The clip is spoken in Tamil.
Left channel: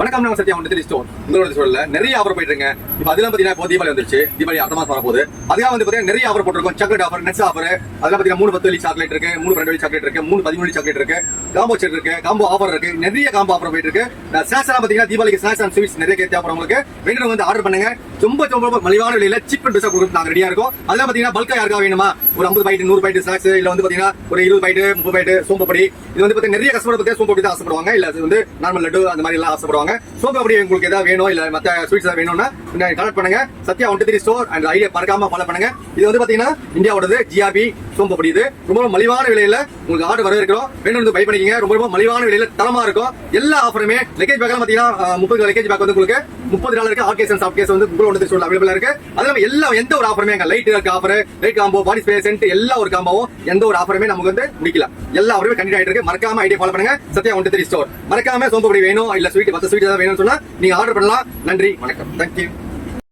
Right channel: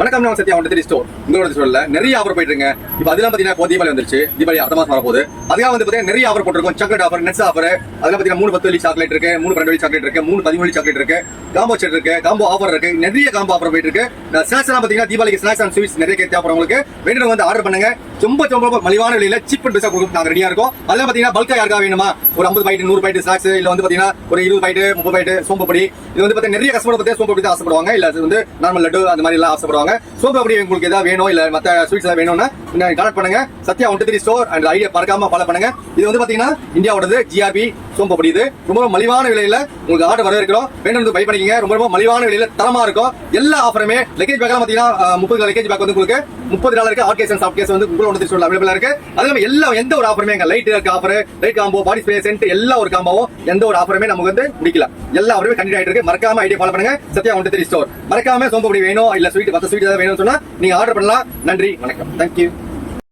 வணக்கம், நான் சத்யா ஒன் ஸ்டோர். உங்களோட ஸ்டோர்ல நிறைய ஆஃபர் போயிட்டு இருக்கு. இப்போ அதெல்லாம் பாத்தீங்கன்னா இப்போ தீபாவளி வந்துருச்சு. தீபாவளி அடுத்த மாசம் வரப்போகுது. அதுக்காக வந்து பாத்தீங்கன்னா நிறைய ஆஃபர் போட்டிருக்கோம். Chocolate offer, nuts offer. அதெல்லாம் பாத்தீங்கன்னா 3 10 வெள்ளி சாக்லேட் இருக்கு, 3 12 வெள்ளி சாக்லேட் இருக்கு, 3 13 வெள்ளி சாக்லேட் இருக்கு, காம்போ செட் இருக்கு, காம்போ ஆஃபர் இருக்கு. நிறைய காம்போ ஆஃபர் போயிட்டு இருக்கு. ஸ்நாக்ஸ் எல்லாம் பாத்தீங்கன்னா தீபாவளிக்கு ஸ்நாக்ஸ் அண்ட் ஸ்வீட்ஸ் நிறைய தேவைப்படும். உங்களுக்கு வேணும்னு வந்து ஆர்டர் பண்ணுங்க. ரொம்ப ரொம்ப மலிவான விலையில சீப் அண்ட் பெஸ்டா கொடுக்க நாங்க ரெடியா இருக்கோம். அதெல்லாம் பாத்தீங்கன்னா பல்கா யாருக்கா வேணுமா, ஒரு 50 பைட் 100 பைட் ஸ்நாக்ஸ், இல்ல வந்து பாத்தீங்கன்னா ஒரு 20 பைட் 30 பைட் சோம்பப்படி. இது வந்து பாத்தீங்கன்னா நிறைய கஸ்டமர் பத்தி சோம்பப்படி தான் ஆசைப்படுவாங்க. இல்ல அது வந்து நார்மல் லட்டு அந்த மாதிரி எல்லாம் ஆசைப்படுவாங்க. சோம்பப்படி உங்களுக்கு ஏதாவது வேணும், இல்ல மத்த ஸ்வீட்ஸ் ஏதாவது வேணும்னா கனெக்ட் பண்ணுங்க. சத்யா 123 ஸ்டோர் அண்ட் ஐடியா மறக்காம ஃபாலோ பண்ணுங்க. இது வந்து பாத்தீங்கன்னா இந்தியாவோடது ஜிஆர்பி சோம்பப்படி. இது ரொம்ப மலிவான விலையில உங்களுக்கு ஆர்டர் வர இருக்கிறோம். வேணும் பை பண்ணிக்கங்க. ரொம்ப மலிவான விலையில தரமா இருக்கும். எல்லா ஆஃபருமே லக்கேஜ் பேக் எல்லாம் பாத்தீங்கன்னா 30 லக்கேஜ் பேக் வந்து உங்களுக்கு $30 hot case and soft case வந்து உங்களோட ஸ்டோர்ல அவைலபிளா இருக்கு. அதே எல்லா எந்த ஒரு ஆஃபருமே light offer, light combo, body spray, scent எல்லா ஒரு காம்போவும் எந்த ஒரு ஆஃபருமே நமக்கு வந்து முடிக்கல. எல்லா ஆஃபருமே கண்டிப்பா ஆயிட்டு இருக்கு. மறக்காம ஐடியா ஃபாலோ பண்ணுங்க. சத்யா 123 ஸ்டோர். மறக்காம சோம்பப்படி வேணும், இல்ல ஸ்வீட் மத்த ஸ்வீட் ஏதாவது வேணும்னு சொன்னா நீங்க ஆர்டர் பண்ணலாம். நன்றி, வணக்கம், தேங்க்யூ.